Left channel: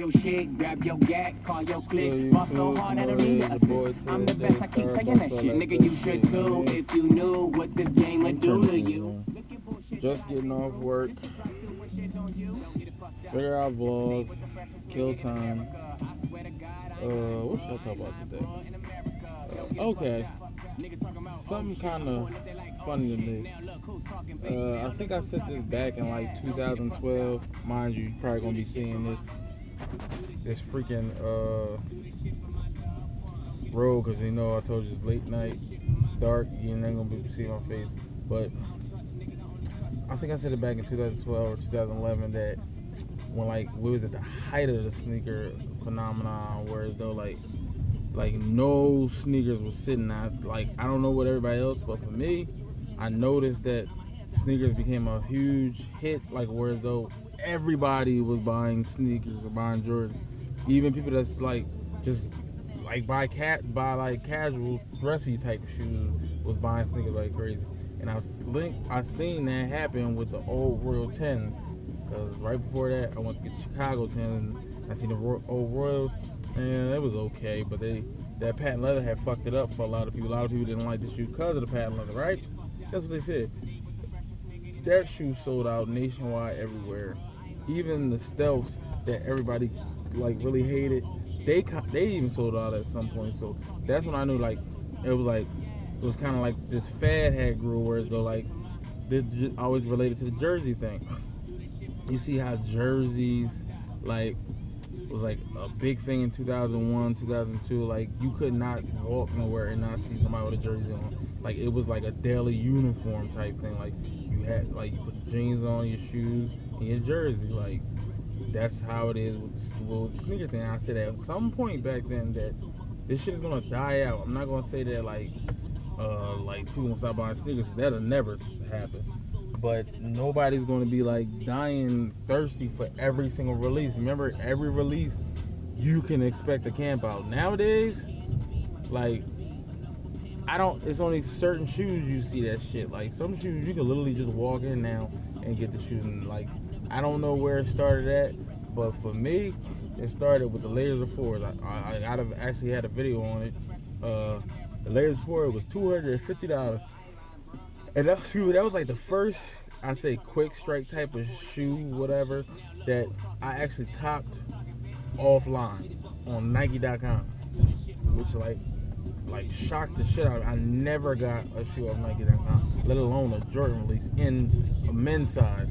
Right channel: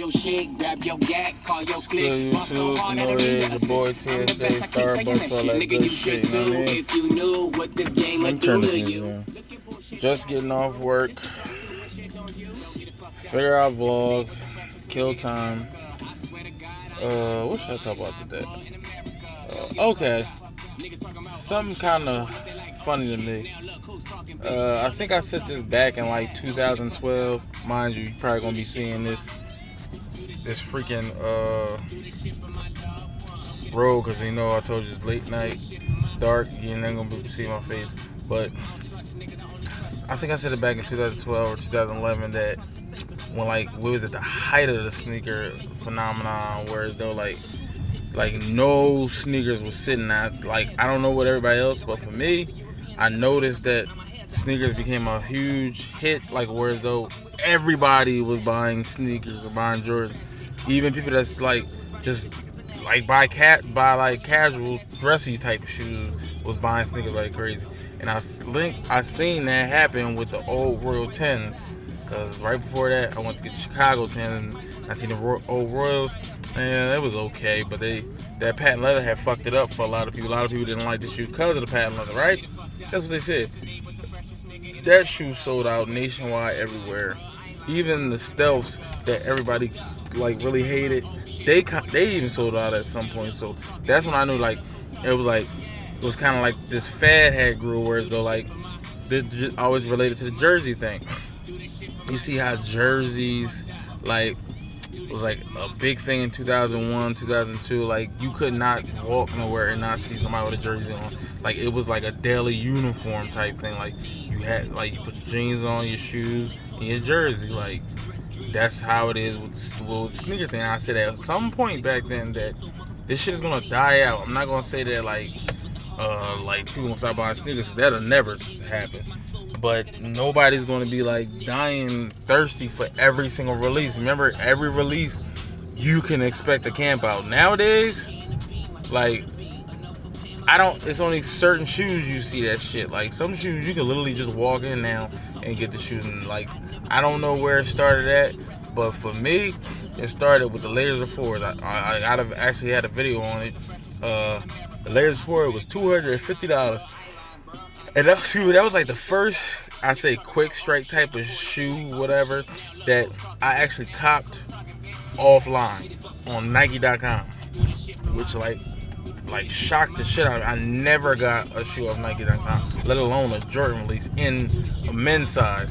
your shit, grab your gat, call your click, bust so hard I don't need your assist. I'm the best, I keep taking that shit. Nigga, you should too, if you knew what this game would do to you. Just getting off work, figure out vlog, kill time. What should I talk about today? Okay, something kind of funny to me. I think I said this back in like 2012. Mind you, you're probably gonna be seeing this freaking road, because you know I told you it's late night, it's dark, you're not gonna be able to see my face. But I think I said it back in 2012 or 2011 that when we was at the height of the sneaker phenomenon, where though like no sneakers was sitting at, like, I don't know what everybody else, but for me, I noticed that sneakers became a huge hit, like whereas though everybody was buying sneakers or buying Jordan, even people that's like just like buy casual dressy type shoes was buying sneakers like crazy. And I think I seen that happen with the old Royal 10s, because right before that I went to get the Chicago 10s and I seen the old Royals, and it was okay, but that patent leather had fucked it up for a lot of people. A lot of people didn't like the shoe because of the patent leather, right? That's what they said. That shoe sold out nationwide everywhere. Even the stealths that everybody like really hated, they even sold out at some point. So that's when I knew it was kind of like this fad had grew, whereas though like I always related to the jersey thing. You see how jerseys was like a big thing in 2001, 2002. Like you could not walk nowhere and not see somebody with a jersey on. Like it was like a daily uniform type thing. Like you had you put your jeans on, your shoes, and your jersey. Like that's how it is with sneaker thing. I said at some point back then that this shit is gonna die out. I'm not gonna say that like people gonna stop buying sneakers. That'll never happen. But nobody's gonna be like dying thirsty for every single release. Remember, every release you can expect a camp out. Nowadays, it's only certain shoes you see that shit. Like some shoes you can literally just walk in now and get the shoes. And I don't know where it started at, but for me, it started with the Laser 4s. I actually had a video on it. The Laser 4 was $250. And that was like the first, I say, quick strike type of shoe, whatever, that I actually copped offline on Nike.com, which like shocked the shit out of me. I never got a shoe off Nike.com, let alone a Jordan release in a men's size.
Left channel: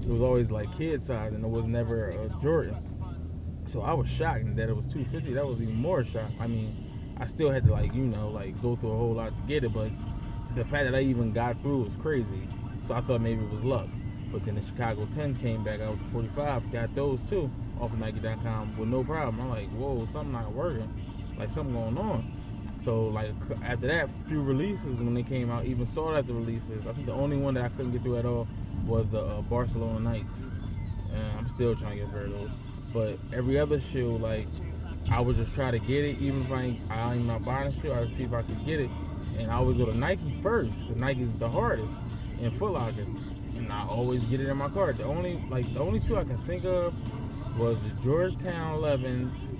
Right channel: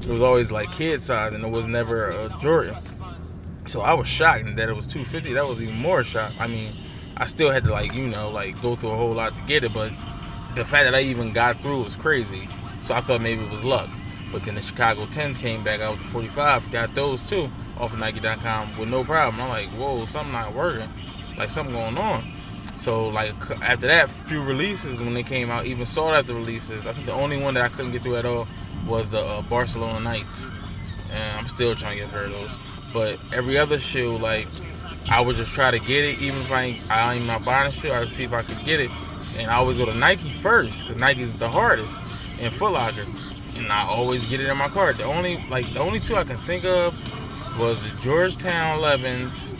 It was always like kid size, and it was never a Jordan. So I was shocked that it was $250. That was even more shocked. I mean, I still had to go through a whole lot to get it, but the fact that I even got through was crazy. So I thought maybe it was luck. But then the Chicago 10s came back out with 45. Got those too off of Nike.com with no problem. I'm like, whoa, something not working. Like something going on. So after that, few releases when they came out, even sought after releases, I think the only one that I couldn't get through at all was the Barcelona Knights. And I'm still trying to get through those. But every other shoe, I would just try to get it. Even if I ain't not buying a shoe, I would see if I could get it. And I always go to Nike first, because Nike is the hardest, and Foot Locker. And I always get it in my cart. The only two I can think of was the Georgetown 11s,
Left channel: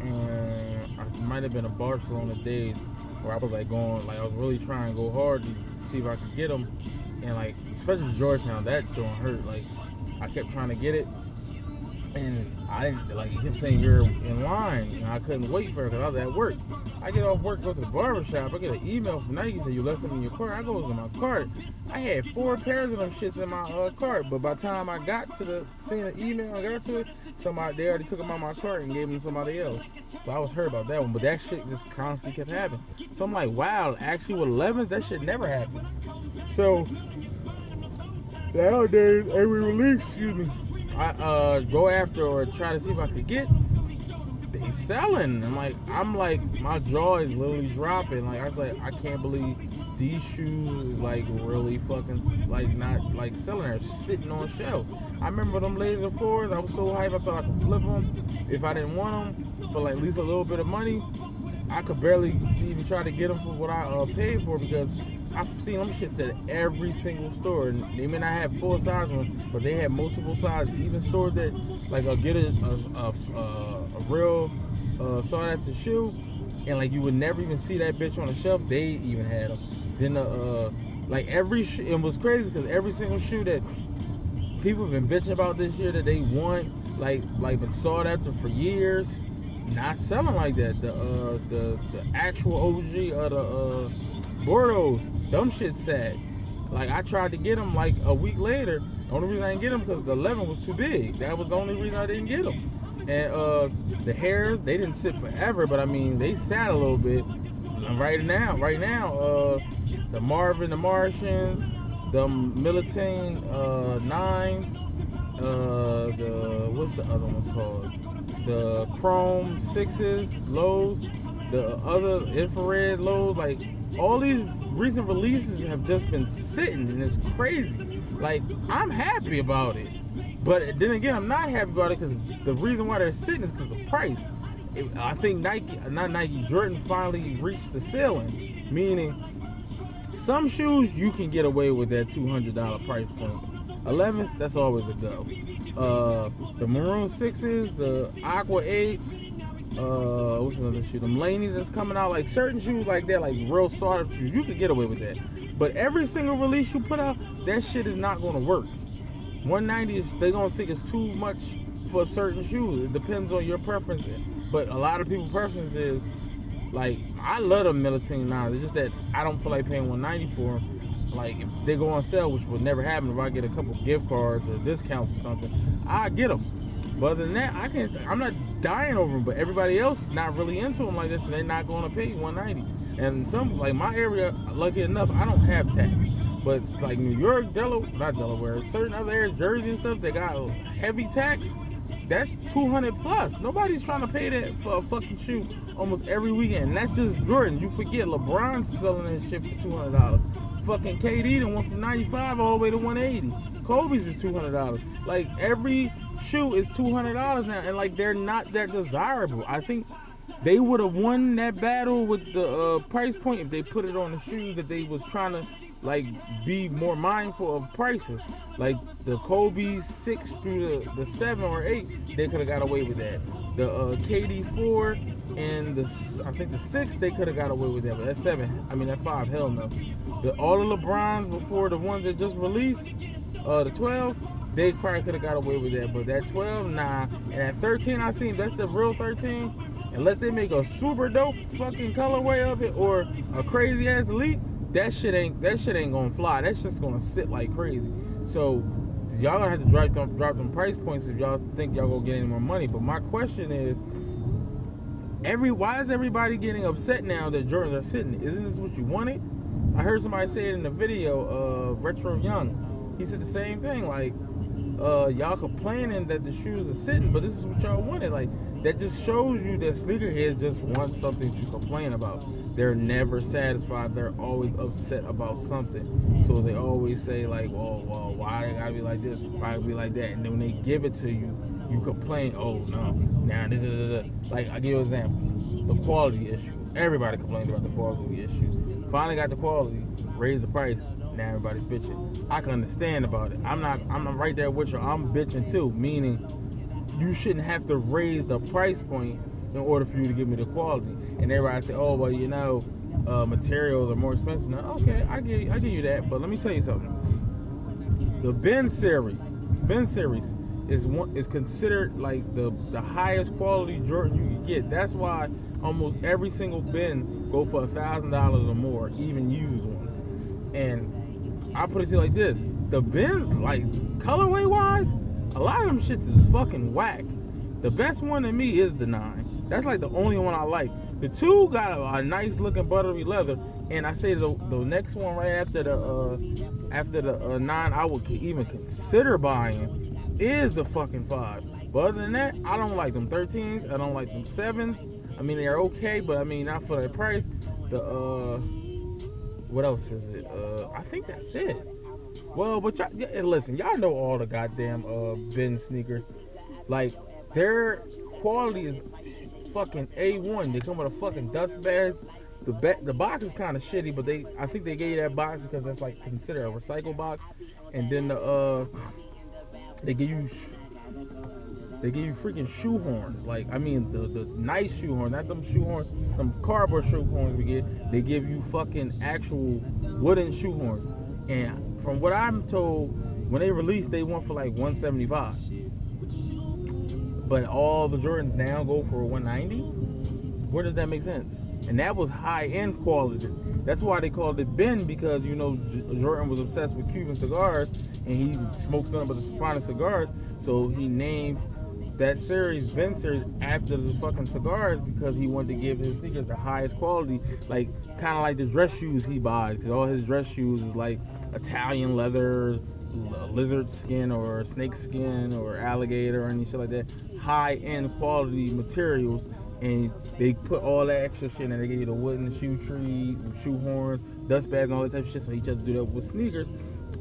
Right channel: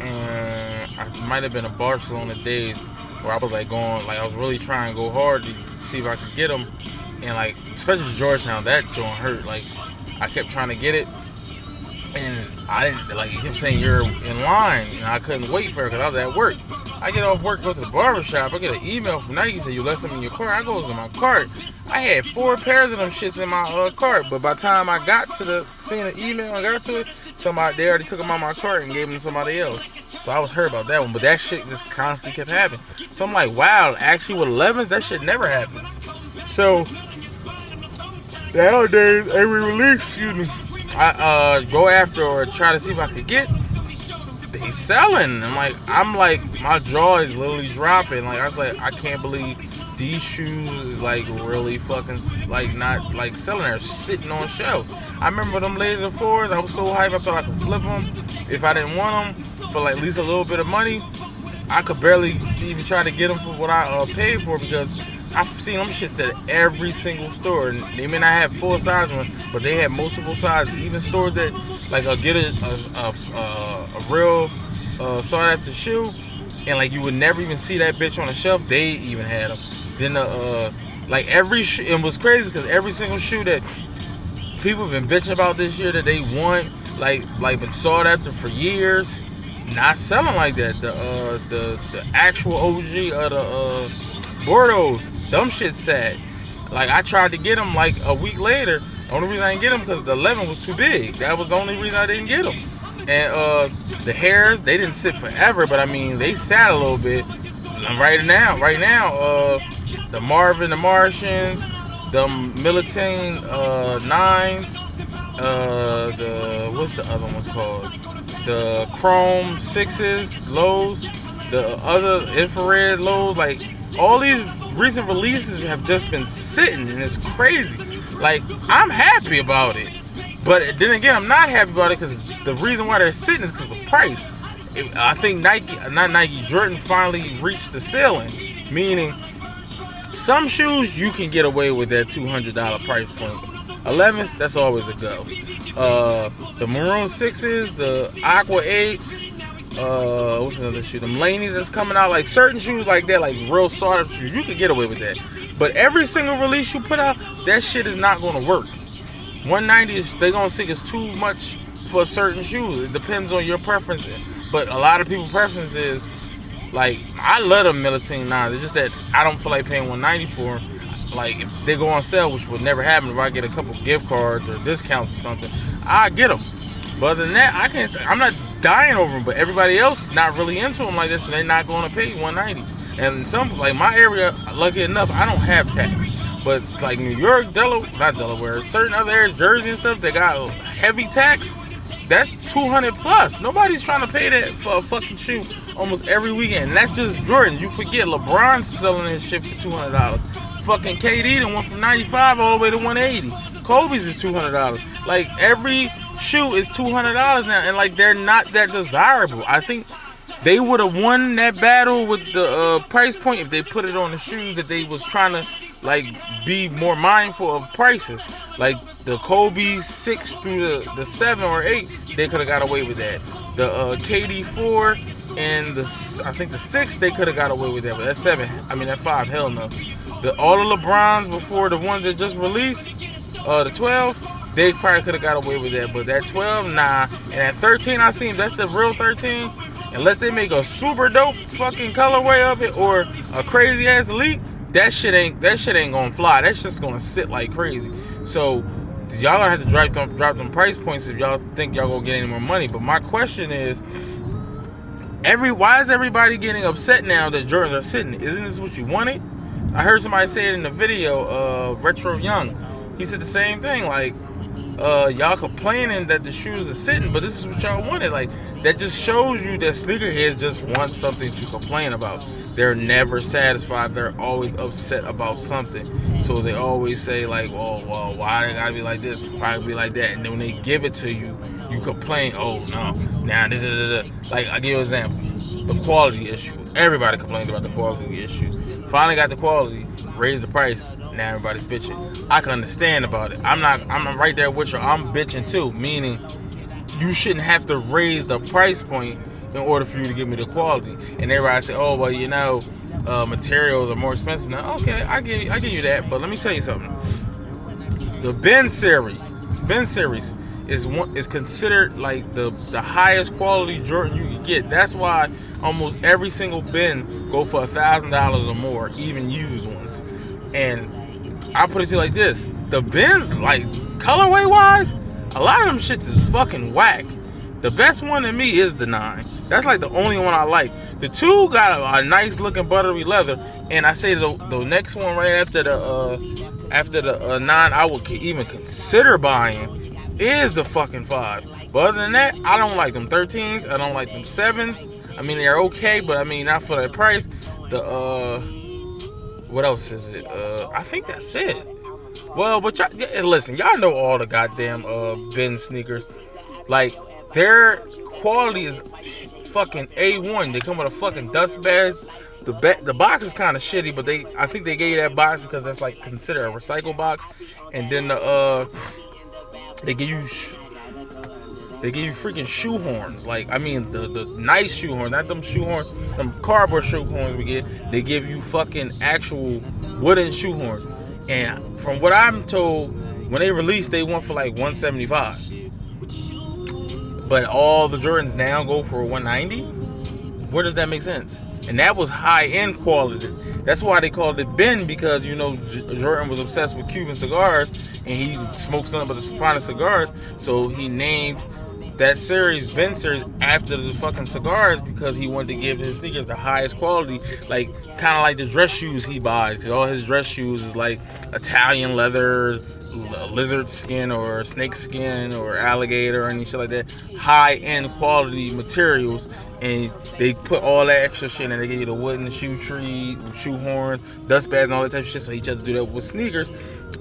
and I might have been a Barcelona days, where I was I was really trying to go hard to see if I could get them. And especially Georgetown, that joint hurt. I kept trying to get it, and I didn't, he kept saying you're in line, and I couldn't wait for it because I was at work. I get off work, go to the barbershop, I get an email from Nike saying you left them in your cart. I go to my cart. I had 4 pairs of them shits in my cart, but by the time I got to seeing the email and got to it, they already took them out of my cart and gave them to somebody else. So I was hurt about that one, but that shit just constantly kept happening. So I'm like, wow, actually with 11s, that shit never happens. So nowadays, every release, I go after or try to see if I could get, they selling. I'm like, my jaw is literally dropping. I was like, I can't believe these shoes is really fucking not selling. They're sitting on shelves. I remember them Laser 4s. I was so hyped I thought I could flip them if I didn't want them for at least a little bit of money. I could barely even try to get them for what I paid for, because I've seen them shits at every single store. And they may not have full size ones, but they have multiple sizes. Even stores that like get a real sought after shoe, and like you would never even see that bitch on the shelf. They even had them. Then like every it was crazy because every single shoe that people have been bitching about this year that they want, like been sought after for years, not selling like that. The actual OG of the Bordeaux, them shit sad. Like I tried to get them like a week later. The only reason I didn't get them because the 11 was too big. That was the only reason I didn't get them. And the hairs, they didn't sit forever, but I mean they sat a little bit. And right now, the Marvin, the Martians, the Militant 9s, the what's the other ones called? The Chrome 6s, lows, the other infrared lows, like all these recent releases have just been sitting, and it's crazy. Like I'm happy about it, but then again, I'm not happy about it because the reason why they're sitting is because of the price. I think Jordan finally reached the ceiling, meaning some shoes you can get away with that $200 price point. 11s, that's always a go. The Maroon 6s, the Aqua 8s, what's another shoe? The Laney's that's coming out, like certain shoes like that, like real sought after shoes, you can get away with that. But every single release you put out, that shit is not gonna work. 190 is, they gonna think it's too much for certain shoes. It depends on your preference. But a lot of people's preference is, like, I love them Militant 9s. It's just that I don't feel like paying $190 for them. Like, if they go on sale, which would never happen, if I get a couple gift cards or discounts or something, I get them. But other than that, I'm not dying over them, but everybody else not really into them like this, so they're not going to pay $190. And some, like my area, lucky enough, I don't have tax. But it's like New York, not Delaware, certain other areas, Jersey and stuff, they got heavy tax. That's $200 plus. Nobody's trying to pay that for a fucking shoe almost every weekend. And that's just Jordan. You forget LeBron's selling his shit for $200. Fucking KD done went from 95 all the way to 180. Kobe's is $200. Like every shoe is $200 now, and like they're not that desirable. I think they would have won that battle with the price point if they put it on the shoes that they was trying to like be more mindful of prices. Like the Kobe 6 through the 7 or 8, they could have got away with that. The KD 4 and I think the 6, they could have got away with that. But that 7, I mean that 5, hell no. All the LeBrons before the ones that just released, the 12, they probably could have got away with that. But that 12, nah. And that 13, I seen that's the real 13. Unless they make a super dope fucking colorway of it or a crazy ass leak, that shit ain't gonna fly. That's just gonna sit like crazy. So y'all gonna have to drop them price points if y'all think y'all gonna get any more money. But my question is, why is everybody getting upset now that Jordans are sitting? Isn't this what you wanted? I heard somebody say it in the video, Retro Young. He said the same thing, like, y'all complaining that the shoes are sitting, but this is what y'all wanted. Like, that just shows you that sneakerheads just want something to complain about. They're never satisfied. They're always upset about something. So they always say, like, well, why they gotta be like this? Why gotta be like that? And then when they give it to you, you complain, oh, no, now this is, like, I'll give you an example. The quality issue. Everybody complained about the quality issue. Finally got the quality, raised the price. Now everybody's bitching. I can understand about it. I'm right there with you. I'm bitching too, meaning you shouldn't have to raise the price point in order for you to give me the quality. And everybody say, oh, well, you know, materials are more expensive now. Okay, I give you that, but let me tell you something. The Ben series is considered like the highest quality Jordan you can get. That's why almost every single Ben go for $1,000 or more, even used ones. And I put it to you like this: the Benz, like colorway wise, a lot of them shits is fucking whack. The best one to me is the 9. That's like the only one I like. The 2 got a nice looking buttery leather, and I say the next one right after the 9 I would even consider buying is the fucking 5. But other than that, I don't like them 13s. I don't like them 7s. I mean, they're okay, but I mean not for that price. What else is it? I think that's it. Well, but y'all, listen, y'all know all the goddamn Ben sneakers. Like, their quality is fucking A1. They come with a fucking dust badge. the box is kind of shitty, but I think they gave you that box because that's like considered a recycle box, and then they give you freaking shoe horns. Like, I mean, the nice shoe horns, not them shoe horns, them cardboard shoe horns we get. They give you fucking actual wooden shoe horns. And from what I'm told, when they released, they went for like $175. But all the Jordans now go for $190. Where does that make sense? And that was high-end quality. That's why they called it Ben, because, you know, Jordan was obsessed with Cuban cigars, and he smoked some of the finest cigars, so he named that series, Ben series, after the fucking cigars, because he wanted to give his sneakers the highest quality, like, kind of like the dress shoes he buys, because all his dress shoes is like Italian leather, lizard skin or snake skin or alligator or any shit like that, high-end quality materials. And they put all that extra shit in. They give you the wooden shoe tree, shoe horn, dust bags, and all that type of shit. So he tried to do that with sneakers,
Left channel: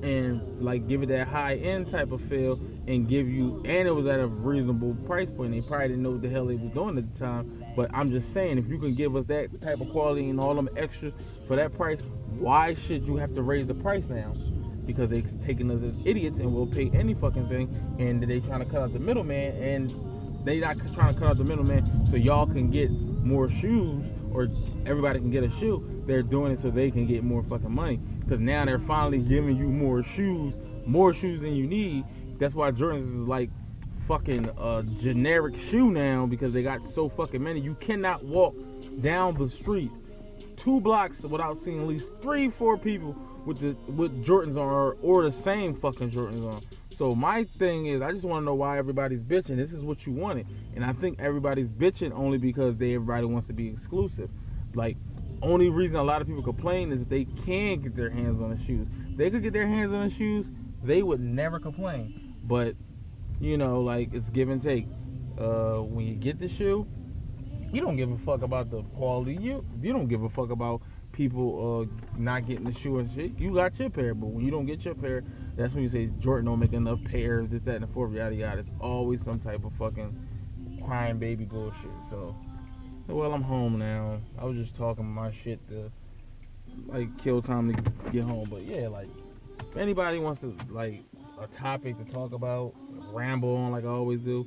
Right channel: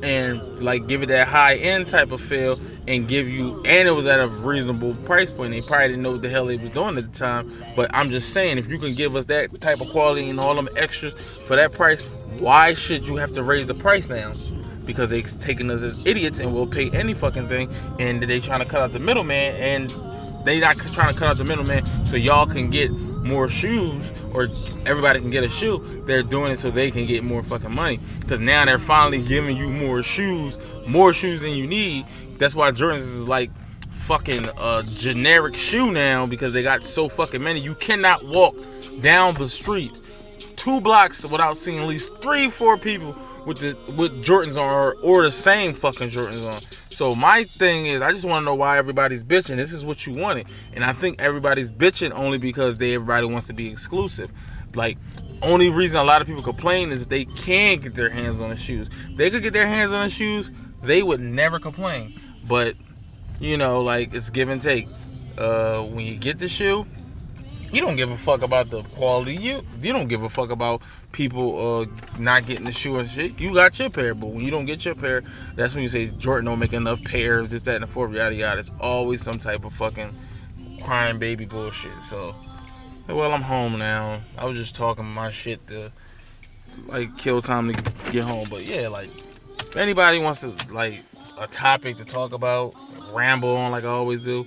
and like give it that high end type of feel, and give you. And it was at a reasonable price point. They probably didn't know what the hell they was doing at the time. But I'm just saying, if you can give us that type of quality and all them extras for that price, why should you have to raise the price now? Because they taking us as idiots and will pay any fucking thing, and they trying to cut out the middleman, and they not trying to cut out the middleman so y'all can get more shoes or everybody can get a shoe. They're doing it so they can get more fucking money. Because now they're finally giving you more shoes than you need. That's why Jordans is like fucking generic shoe now, because they got so fucking many. You cannot walk down the street 2 blocks without seeing at least 3-4 people with Jordans on or the same fucking Jordans on. So my thing is, I just want to know why everybody's bitching. This is what you wanted. And I think everybody's bitching only because everybody wants to be exclusive. Like, only reason a lot of people complain is if they can get their hands on the shoes. If they could get their hands on the shoes, they would never complain. But, you know, like, it's give and take. When you get the shoe, you don't give a fuck about the quality. You don't give a fuck about people not getting the shoe and shit. You got your pair, but when you don't get your pair, that's when you say Jordan don't make enough pairs, this, that, and the fourth, yada yada. It's always some type of fucking crying baby bullshit. So, well, I'm home now. I was just talking my shit to like kill time to get home. But yeah, like, if anybody wants to like a topic to talk about, ramble on like I always do,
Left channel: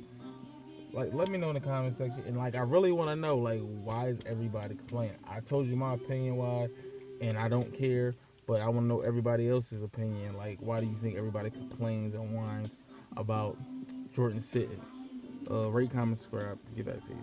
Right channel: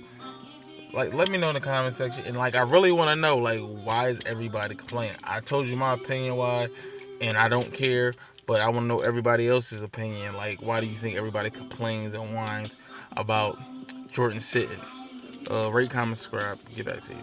like, let me know in the comment section. And like, I really want to know, like, why is everybody complaining? I told you my opinion why, and I don't care, but I want to know everybody else's opinion. Like, why do you think everybody complains and whines about Jordan sitting? Rate, comment, subscribe. Get back to you.